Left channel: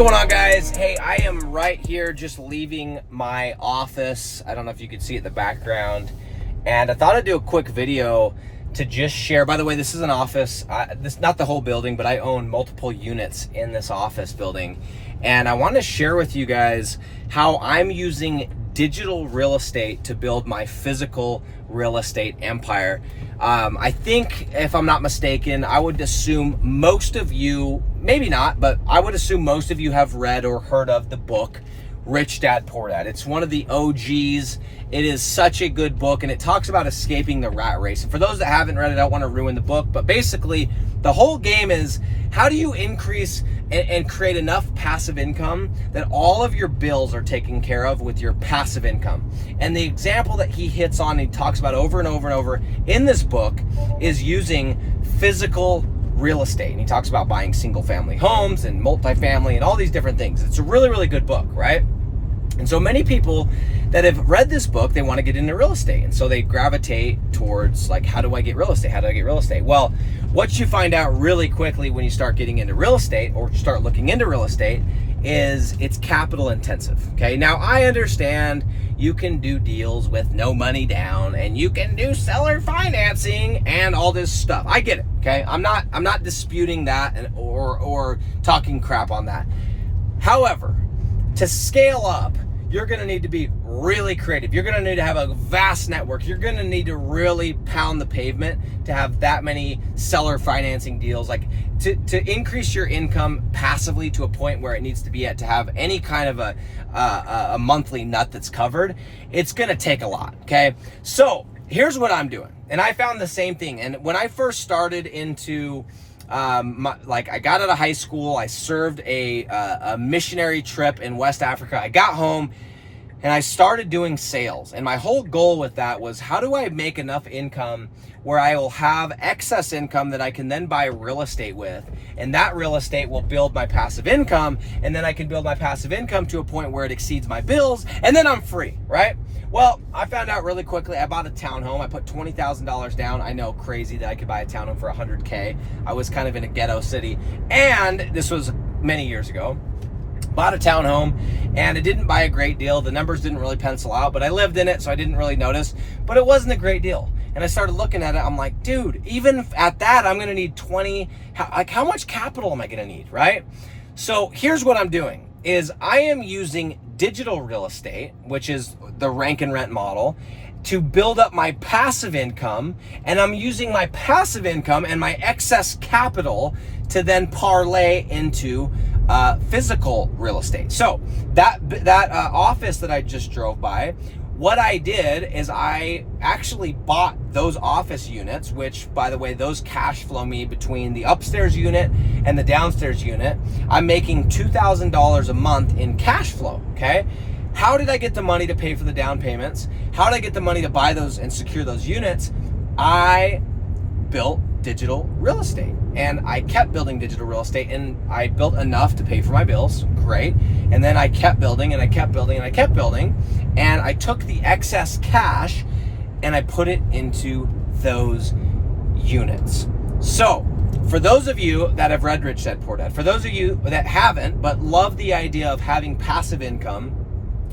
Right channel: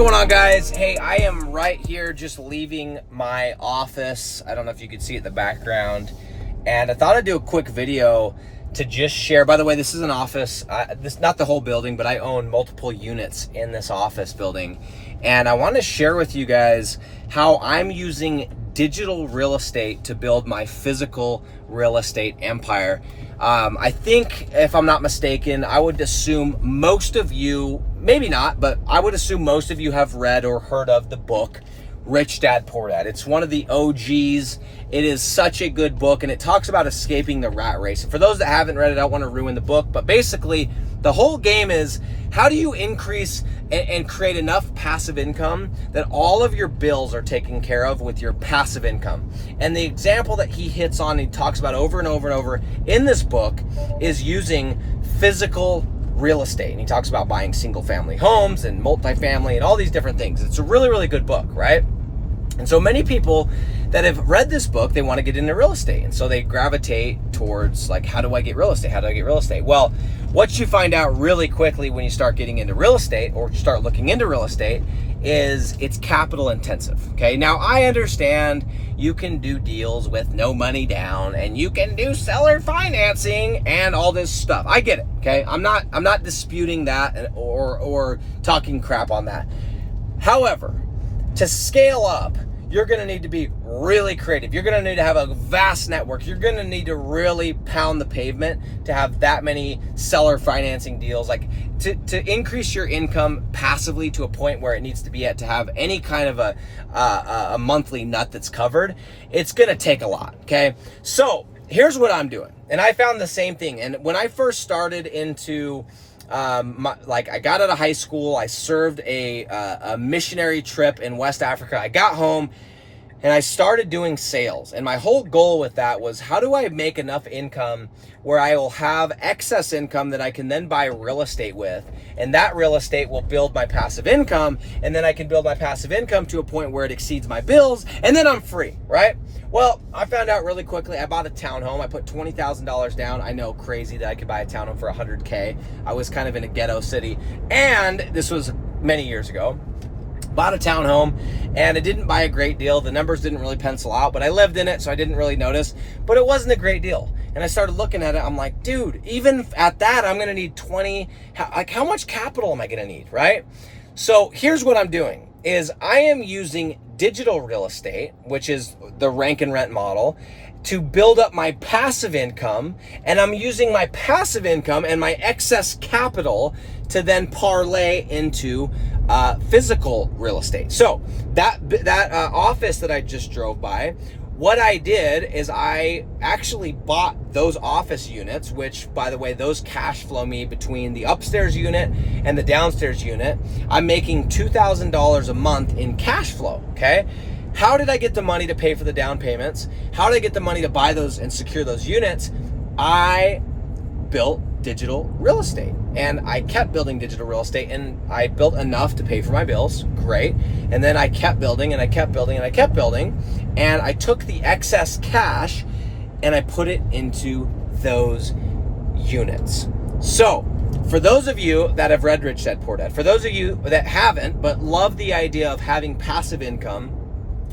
going on, guys? Hey, I am right here just leaving my office. I don't know if you can see it in the background. And I thought I'd do a quick video to just share. By the way, this is an office. This not the whole building, but I own multiple units in this office building. And I want to share with you guys how I'm using digital real estate to build my physical real estate empire. I think, if I'm not mistaken, I would assume most of you, maybe not, but I would assume most of you have read or heard of the book, Rich Dad, Poor Dad. It's one of the OGs. It is such a good book, and it talks about escaping the rat race. And for those that haven't read it, I don't want to ruin the book, but basically the whole game is, how do you increase and create enough passive income that all of your bills are taken care of with your passive income? And the example that he hits on, he talks about over and over and over in this book, is using physical real estate. And he talks about buying single family homes and multifamily and all these different things. It's a really, really good book, right? And so many people that have read this book, they want to get into real estate. And so they gravitate towards, like, how do I get real estate? How do I get real estate? Well, what you find out really quickly when you start getting into real estate or start looking into real estate is it's capital intensive. Okay. Now, I understand you can do deals with no money down and you can do seller financing and all this stuff. I get it. Okay. I'm not disputing that or talking crap on that. However, to scale up, you're going to need to be really creative. You're going to need to have a vast network. You're going to need to really pound the pavement to have that many seller financing deals, like to increase your income passively to a point where it needs to be at to have any kind of a monthly nut that's covered. It's going to take a lot. Okay. So here's what I'm doing. And I found the same thing. And when I first started into I got out of high school, I served a missionary trip in West Africa. I got home and I started doing sales. And my whole goal with that was, how do I make enough income where I will have excess income that I can then buy real estate with? And that real estate will build my passive income. And then I can build my passive income to a point where it exceeds my bills. And then I'm free, right? Well, I found out really quickly. I bought a townhome. I put $20,000 down. I know, crazy that I could buy a townhome for $100K. I was kind of in a ghetto city. And this was many years ago. Bought a townhome, and I didn't buy a great deal. The numbers didn't really pencil out, but I lived in it, so I didn't really notice. But it wasn't a great deal. And I started looking at it. I'm like, dude, even at that, I'm going to need how much capital am I going to need, right? So here's what I'm doing. Is I am using digital real estate, which is the rank and rent model, to build up my passive income. And I'm using my passive income and my excess capital to then parlay into physical real estate. So that office that I just drove by, what I did is I actually bought those office units, which, by the way, those cash flow me between the upstairs unit and the downstairs unit. I'm making $2,000 a month in cash flow, okay? How did I get the money to pay for the down payments? How did I get the money to buy those and secure those units? I built digital real estate, and I kept building digital real estate, and I built enough to pay for my bills. Great. And then I kept building and I kept building and I kept building. And I took the excess cash and I put it into those units. So for those of you that have read Rich Dad, Poor Dad, for those of you that haven't, but love the idea of having passive income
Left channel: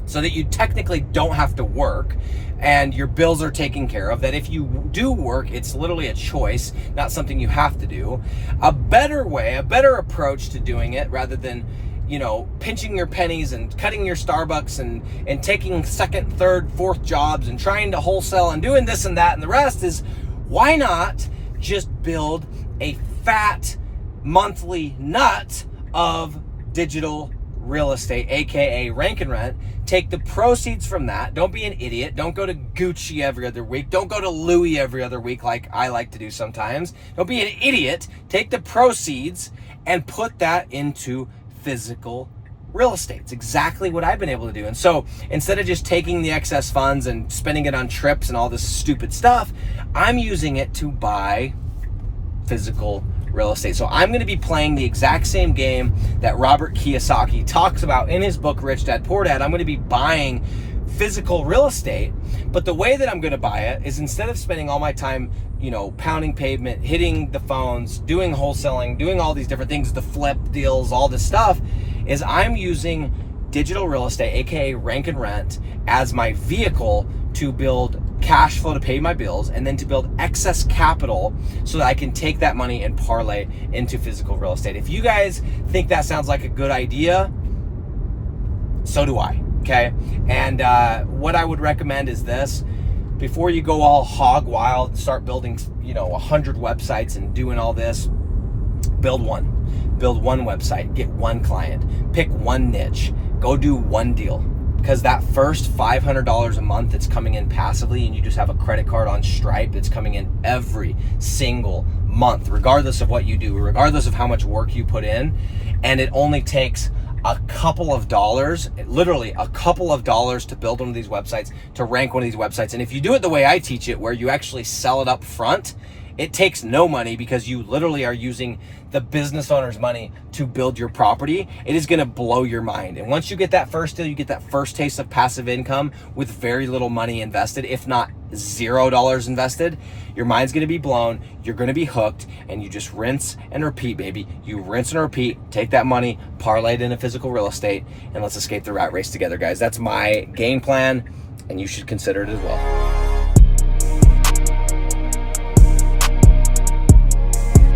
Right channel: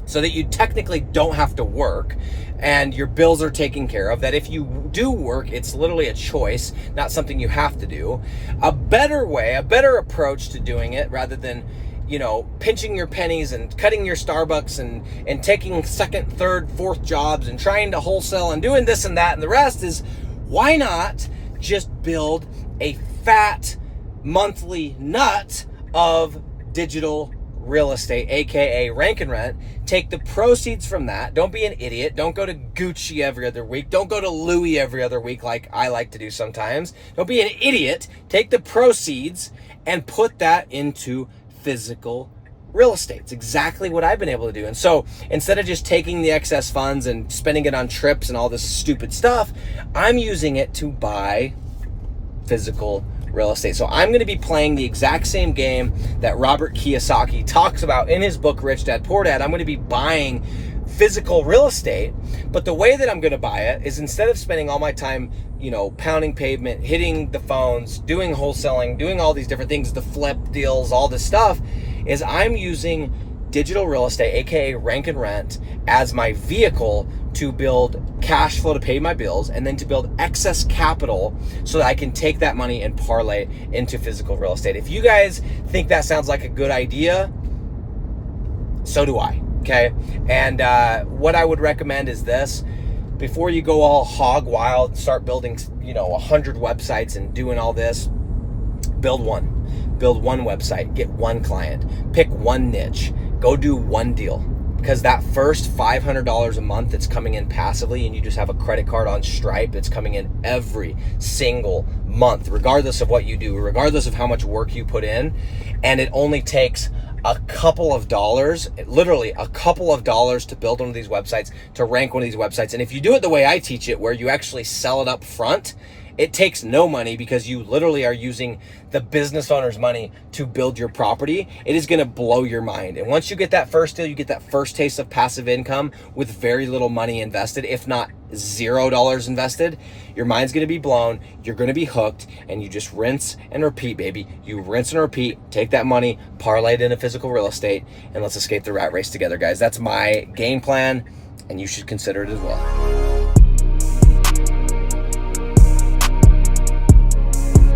so that you technically don't have to work and your bills are taken care of, that if you do work, it's literally a choice, not something you have to do. A better way, a better approach to doing it, rather than, you know, pinching your pennies and cutting your Starbucks and taking second, third, fourth jobs and trying to wholesale and doing this and that and the rest, is why not just build a fat monthly nut of digital real estate, aka rank and rent. Take the proceeds from that. Don't be an idiot. Don't go to Gucci every other week. Don't go to Louis every other week like I like to do sometimes. Don't be an idiot. Take the proceeds and put that into physical real estate. It's exactly what I've been able to do. And so instead of just taking the excess funds and spending it on trips and all this stupid stuff, I'm using it to buy physical real estate. So I'm going to be playing the exact same game that Robert Kiyosaki talks about in his book, Rich Dad, Poor Dad. I'm going to be buying physical real estate, but the way that I'm going to buy it is, instead of spending all my time, you know, pounding pavement, hitting the phones, doing wholesaling, doing all these different things, the flip deals, all this stuff, is I'm using digital real estate, aka Rank and Rent, as my vehicle to build cash flow to pay my bills, and then to build excess capital so that I can take that money and parlay into physical real estate. If you guys think that sounds like a good idea, so do I, okay? And what I would recommend is this: before you go all hog wild and start building, 100 websites and doing all this, build one website, get one client, pick one niche, go do one deal. Because that first $500 a month that's coming in passively, and you just have a credit card on Stripe that's coming in every single month, regardless of what you do, regardless of how much work you put in, and it only takes a couple of dollars, literally a couple of dollars, to build one of these websites, to rank one of these websites. And if you do it the way I teach it, where you actually sell it up front, it takes no money, because you literally are using the business owner's money to build your property. It is gonna blow your mind. And once you get that first deal, you get that first taste of passive income with very little money invested, if not $0 invested. Your mind's gonna be blown, you're gonna be hooked, and you just rinse and repeat, baby. You rinse and repeat, take that money, parlay it into physical real estate, and let's escape the rat race together, guys. That's my game plan, and you should consider it as well.